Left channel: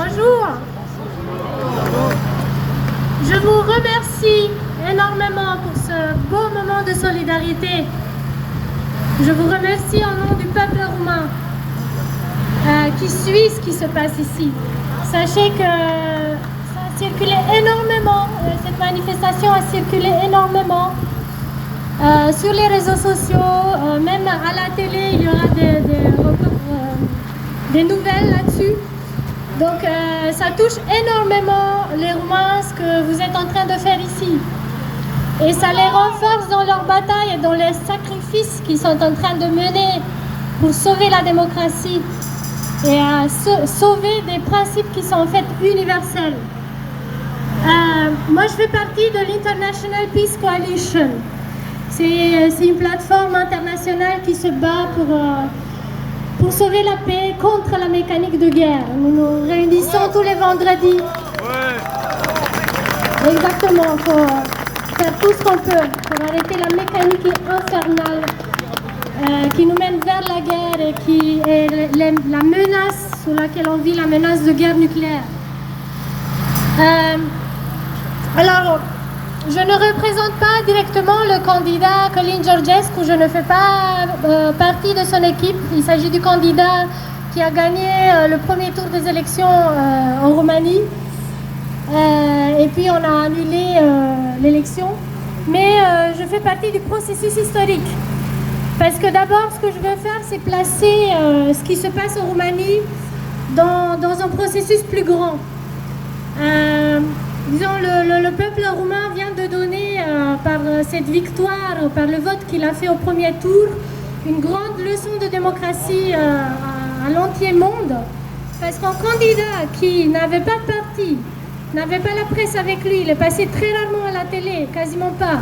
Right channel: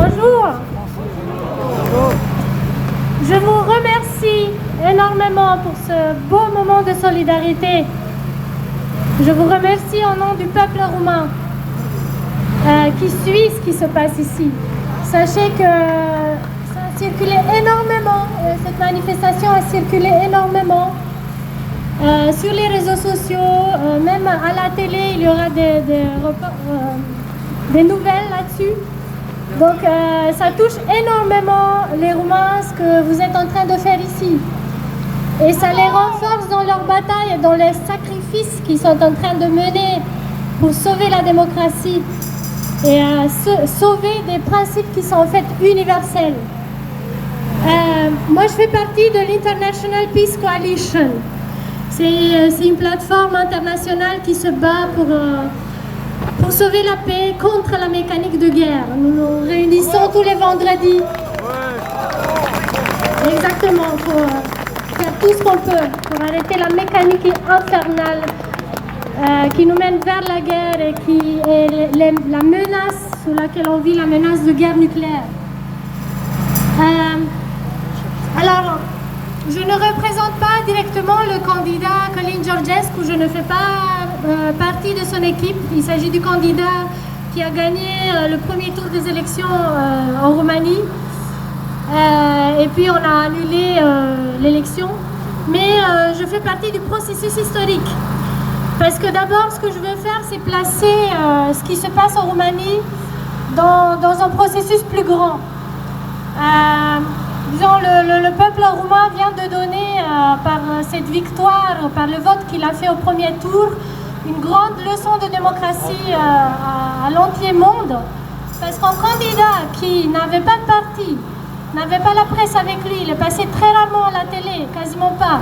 Bonjour. Je vous remercie énormément pour ce beau moment de solidarité. Je vous remercie au nom du peuple roumain qui suit ce qui se passe ici. Sachez que ça a circulé énormément, cette manifestation a circulé énormément sur les réseaux sociaux, même à la télé, il y aura des nouvelles là-dessus. Donc ça touche énormément les Roumains, ce que vous êtes en train de faire ici. Et ça les renforce dans leur bataille et dans les sacrifices qu'ils sont en train de mener pour sauver la démocratie et sauver des principes qui sont en fait universels. Moi, je fais partie de l'International Peace Coalition. C'est une plateforme internationale qui se bat pour sauver la paix contre la mécanique de guerre. Nous nous réunissons tous les vendredis. Exactement, pour faire tout ce qu'on peut pour arrêter la mécanique infernale qui nous mène vers la guerre et qui est la menace sous laquelle on vit, la menace de guerre nucléaire. Alors, je ne représente pas directement le candidat Călin Georgescu, je ne fais pas partie de son équipe. Il s'agit du candidat qui a gagné le premier tour des élections en Roumanie. Et puis on a annulé l'élection. Mais je fais partie du processus historique. Parce que d'abord, ce que je veux faire, c'est placer ce qui se passe en Roumanie dans un processus plus grand. Disons, le peuple roumain vient de donner, par cette victoire, par le vote qu'il a fait au premier tour, une grande leçon de démocratie à l'entier monde. Parce qu'un candidat qui n'avait pas de parti, n'avait pas la presse avec lui, il est passé très rarement à la télé, quasiment pas.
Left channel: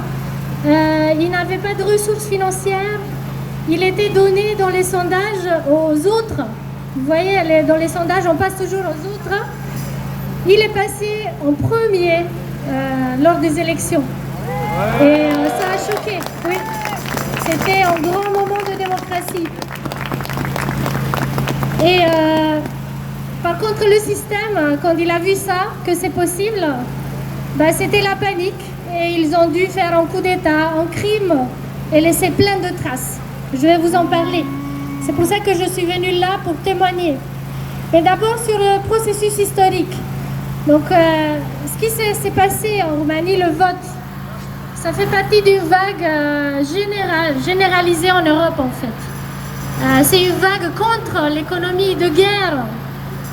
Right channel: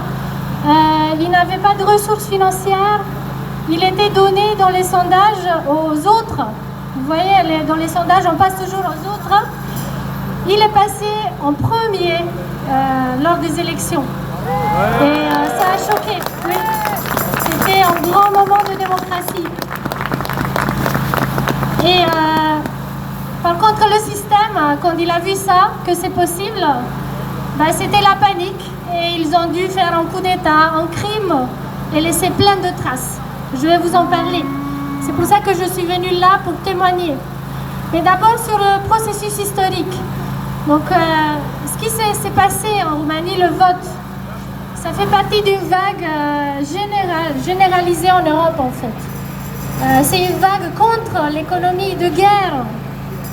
Il n'avait pas de ressources financières, il était donné dans les sondages aux autres. Vous voyez, dans les sondages, on passe toujours aux autres. Il est passé en premier lors des élections. Et ça a choqué, oui. C'était un grand moment de démocratie. Et par contre, le système, quand il a vu ça, que c'est possible, bah, c'était la panique. Et ils ont dû faire un coup d'État, un crime, et laisser plein de traces. Je vais vous en parler. C'est pour ça que je suis venue là pour témoigner. Mais d'abord sur le processus historique. Donc, ce qui s'est passé en Roumanie, le vote, ça fait partie d'une vague généralisée en Europe, en fait. C'est une vague contre l'économie de guerre,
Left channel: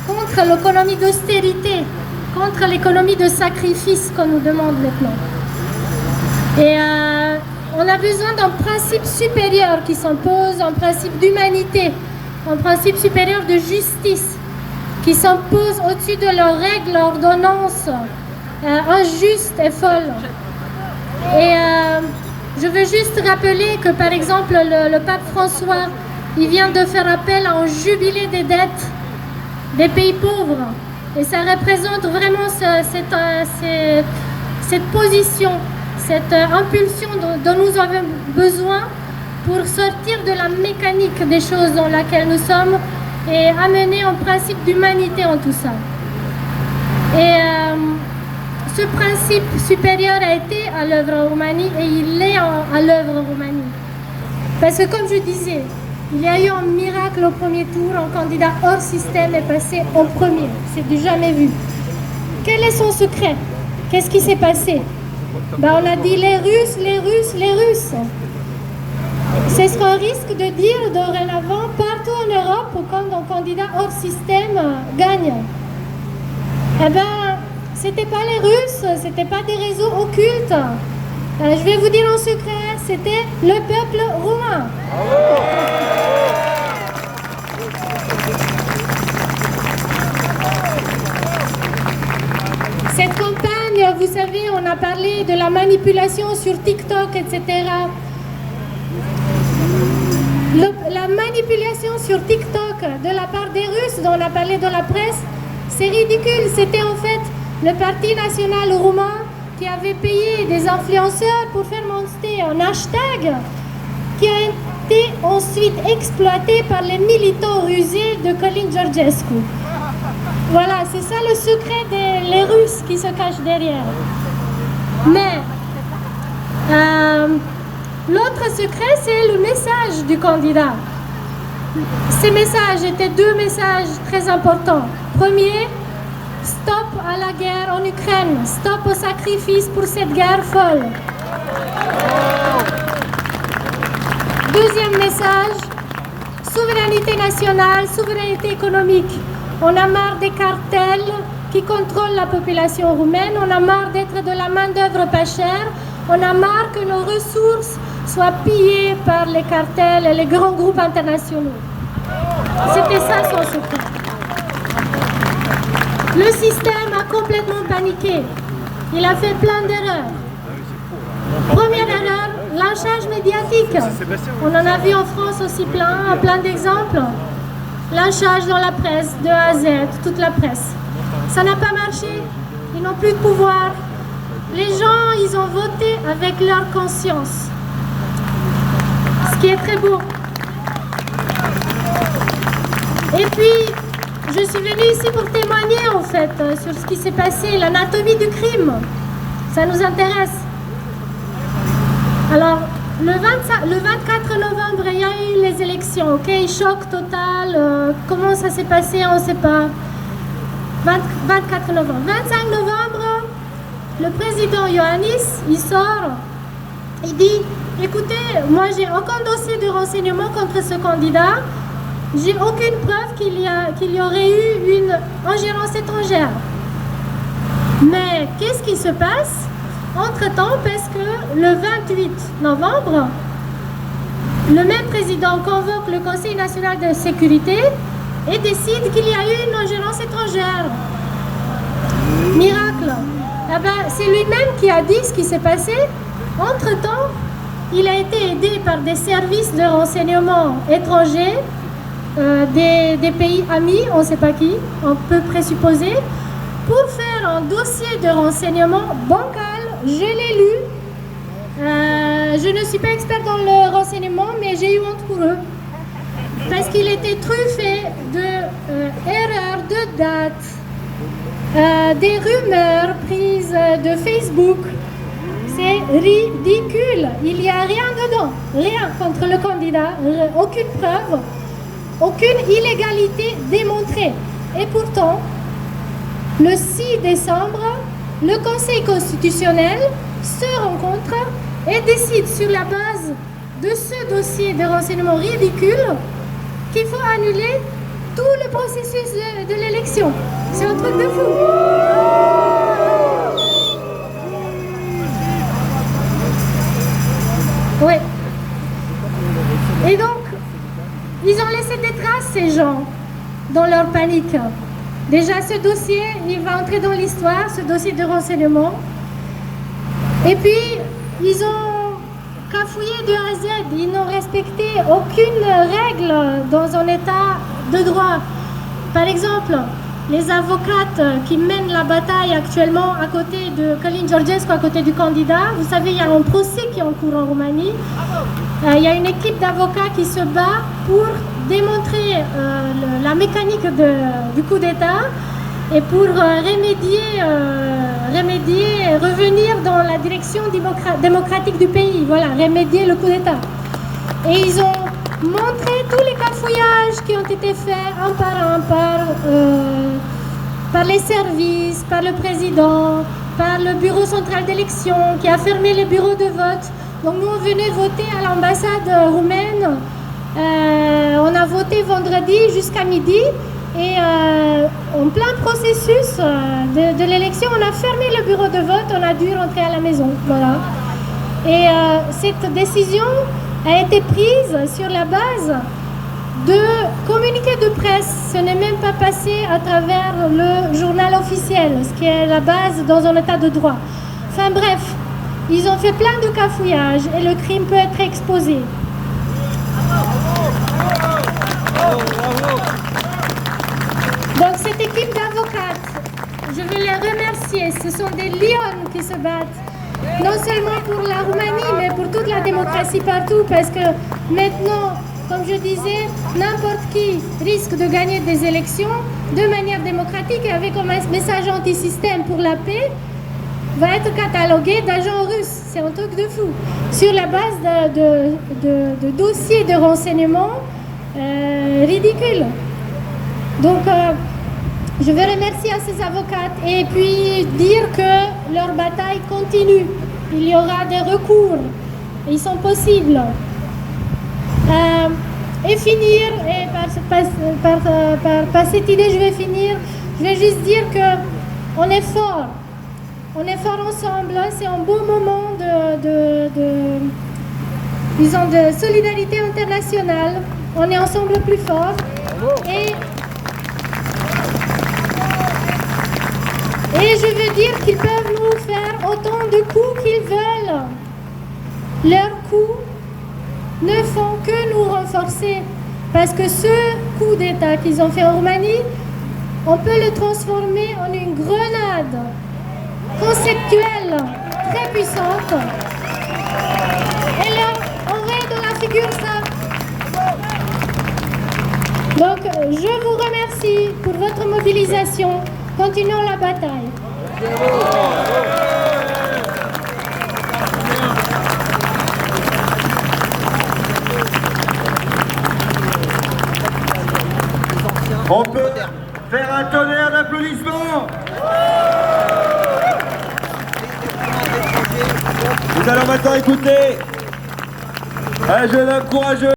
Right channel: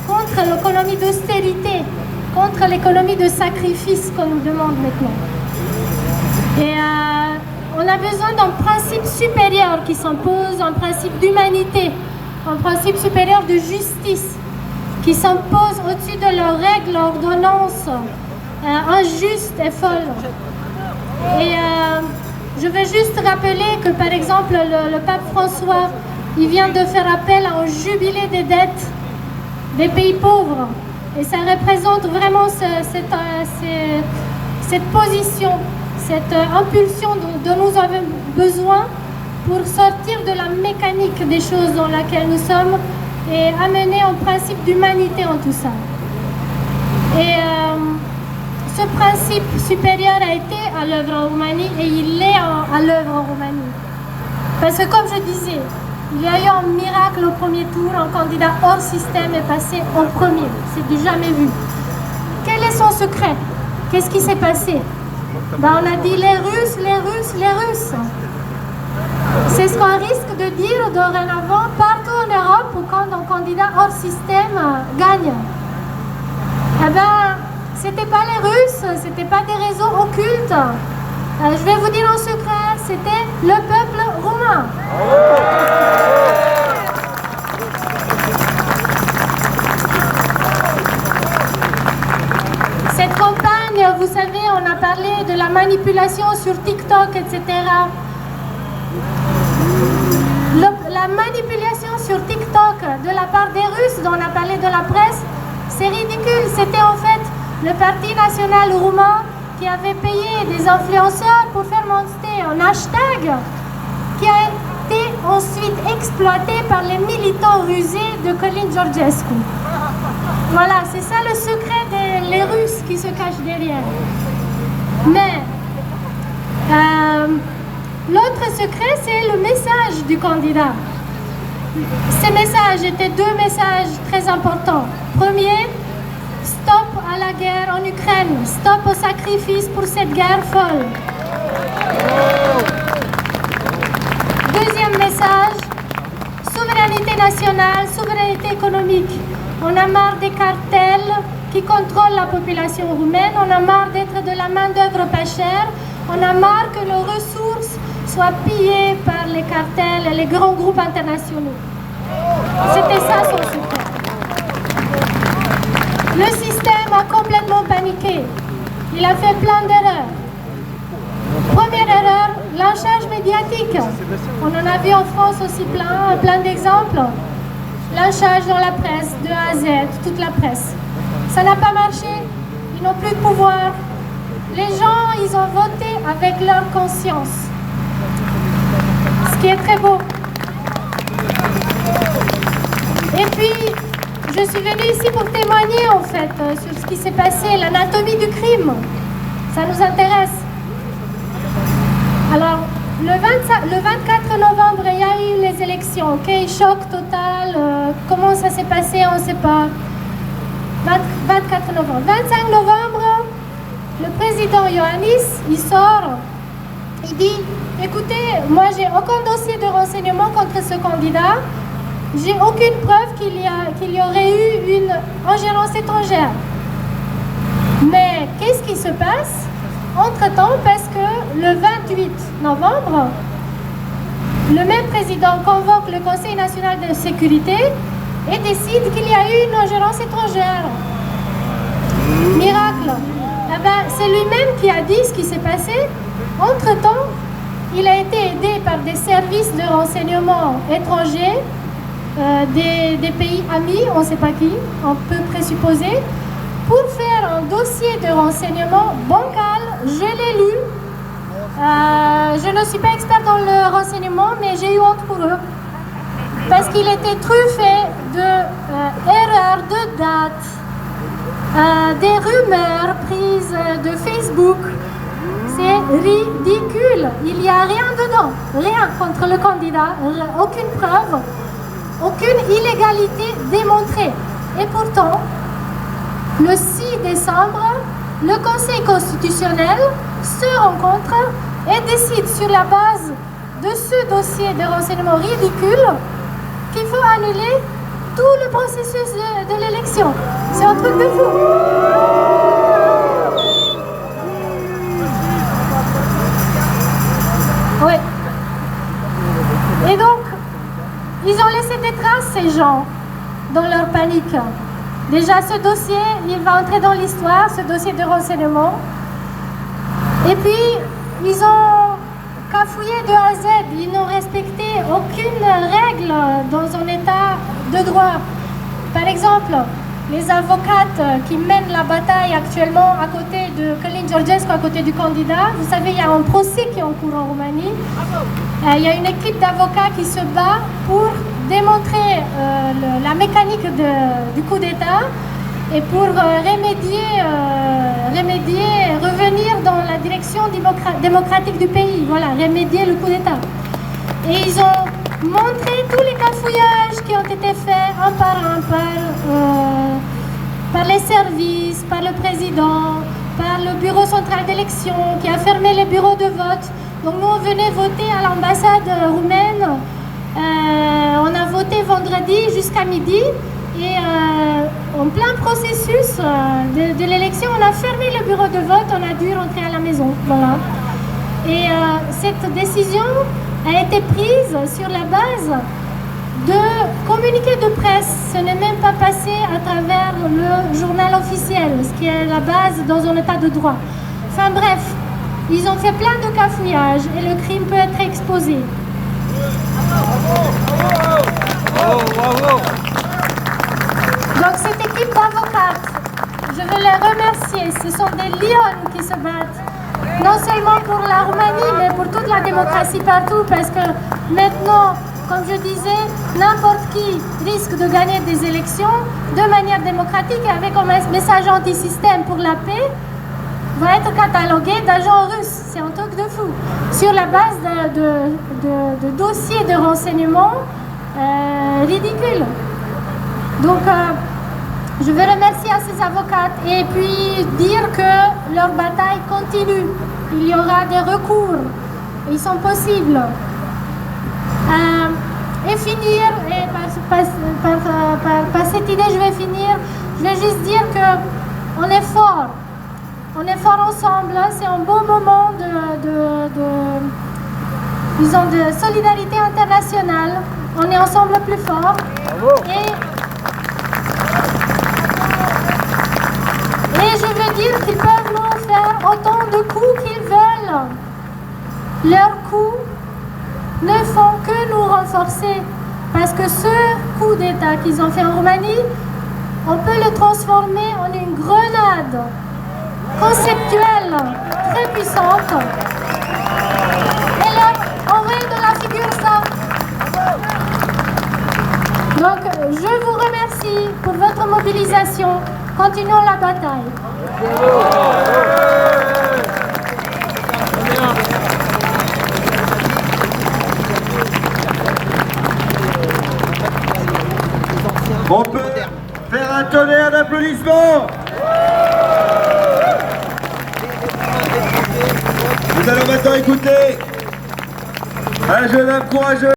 contre l'économie d'austérité, contre l'économie de sacrifice qu'on nous demande maintenant. Et on a besoin d'un principe supérieur qui s'impose, un principe d'humanité, un principe supérieur de justice, qui s'imposent au-dessus de leurs règles, ordonnances injustes et folles. Et je veux juste rappeler que, par exemple, le pape François, il vient de faire appel à un jubilé des dettes des pays pauvres. Et ça représente vraiment cette position, cette impulsion dont nous avons besoin pour sortir de la mécanique des choses dans laquelle nous sommes et amener un principe d'humanité en tout ça. Et ce principe supérieur a été à l'œuvre en Roumanie et il est à l'œuvre en Roumanie. Parce que comme je disais, il y a eu un miracle au premier tour, un candidat hors système est passé en premier. C'est du jamais vu. Quel est son secret? Qu'est-ce qui s'est passé? Ben, on a dit les Russes, les Russes, les Russes. C'est ce qu'on risque de dire dorénavant partout en Europe quand un candidat hors système gagne. Eh bien, c'était pas les Russes, c'était pas des réseaux occultes. Je vais vous dire un secret, c'était le peuple roumain. Cette campagne, vous savez, on a parlé de la manipulation sur TikTok, etc. La manipulation sur TikTok de la part des Russes, dont on a parlé de la presse, c'est ridicule. C'était en fait le Parti national roumain qui avait payé des influenceurs pour faire monter un hashtag qui a été ensuite exploité par les militants rusés de Călin Georgescu. Voilà, c'est ça le secret des Russes qui se cachent derrière. Mais l'autre secret, c'est le message du candidat. Ces messages étaient deux messages très importants. Premier, stop à la guerre en Ukraine, stop au sacrifice pour cette guerre folle. Deuxième message, souveraineté nationale, souveraineté économique. On a marre des cartels qui contrôlent la population roumaine, on a marre d'être de la main-d'œuvre pas chère, on a marre que nos ressources soient pillées par les cartels et les grands groupes internationaux. C'était ça son secret. Le système a complètement paniqué. Il a fait plein d'erreurs. Première erreur, lynchage médiatique. On en a vu en France aussi plein d'exemples. Lynchage dans la presse, de A à Z, toute la presse. Ça n'a pas marché, ils n'ont plus de pouvoir. Les gens, ils ont voté avec leur conscience. Ce qui est très beau. Et puis, je suis venue ici pour témoigner en fait sur ce qui s'est passé, l'anatomie du crime. Ça nous intéresse. Alors, le 24 novembre, il y a eu les élections, ok? Choc total, comment ça s'est passé, on ne sait pas. 24 novembre. 25 novembre, le président Iohannis, il sort, il dit, écoutez, moi j'ai aucun dossier de renseignement contre ce candidat, j'ai aucune preuve qu'il y aurait eu une ingérence étrangère. Mais qu'est-ce qui se passe entre-temps, parce que le 28 novembre, le même président convoque le Conseil national de sécurité et décide qu'il y a eu une ingérence étrangère. Miracle. Eh ben, c'est lui-même qui a dit ce qui s'est passé. Entre-temps, il a été aidé par des services de renseignement étrangers, des pays amis, on ne sait pas qui, on peut présupposer, pour faire un dossier de renseignement bancal. Je l'ai lu. Je ne suis pas experte dans le renseignement, mais j'ai eu honte pour eux. Parce qu'il était truffé d'erreurs de date, des rumeurs prises de Facebook. C'est ridicule. Il n'y a rien dedans. Rien contre le candidat. Aucune preuve. Aucune illégalité démontrée. Et pourtant, le 6 décembre, le Conseil constitutionnel se rencontre et décide sur la base de ce dossier de renseignement ridicule qu'il faut annuler tout le processus de l'élection. C'est un truc de fou. Oui. Et donc, ils ont laissé des traces, ces gens, dans leur panique. Déjà, ce dossier, il va entrer dans l'histoire, ce dossier de renseignement. Et puis, ils ont cafouillé de A à Z. Ils n'ont respecté aucune règle dans un état de droit. Par exemple, les avocates qui mènent la bataille actuellement à côté de Călin Georgescu, à côté du candidat, vous savez, il y a un procès qui est en cours en Roumanie. Il y a une équipe d'avocats qui se bat pour démontrer la mécanique du coup d'État et pour revenir dans la direction démocratique du pays, voilà, remédier le coup d'État. Et ils ont montré tous les cafouillages qui ont été faits un par un par les services, par le président, par le bureau central d'élection qui a fermé les bureaux de vote. Donc nous, on venait voter à l'ambassade roumaine. On a voté vendredi jusqu'à midi et en plein processus de l'élection, on a fermé le bureau de vote, on a dû rentrer à la maison. Voilà. Et cette décision a été prise sur la base de communiqués de presse. Ce n'est même pas passé à travers le journal officiel, ce qui est la base dans un état de droit. Enfin bref, ils ont fait plein de cafouillages et le crime peut être exposé. Donc cette équipe d'avocates, je veux les remercier. Ce sont des lions qui se battent. Non seulement pour la Roumanie, mais pour toute la démocratie partout. Parce que maintenant, comme je disais, n'importe qui risque de gagner des élections. de manière démocratique et avec un message anti-système pour la paix, va être catalogué d'agent russe. C'est un truc de fou. Sur la base de dossiers de renseignement ridicules. Donc, je veux remercier à ces avocates et puis dire que leur bataille continue. Il y aura des recours. Ils sont possibles. Et finir, et par cette idée je vais finir, je vais juste dire qu'on est fort. On est fort ensemble, c'est un beau moment disons, de solidarité internationale. On est ensemble plus fort. Et je veux dire qu'ils peuvent nous faire autant de coups qu'ils veulent. Leurs coups ne font que nous renforcer. Parce que ce coup d'État qu'ils ont fait en Roumanie, on peut le transformer en une grenade conceptuelle très puissante. Et leur envoyer dans la figure ça. Donc, je vous remercie pour votre mobilisation. Continuons la bataille. On peut faire un tonnerre d'applaudissements. Nous allons maintenant écouter un jeune homme courageux.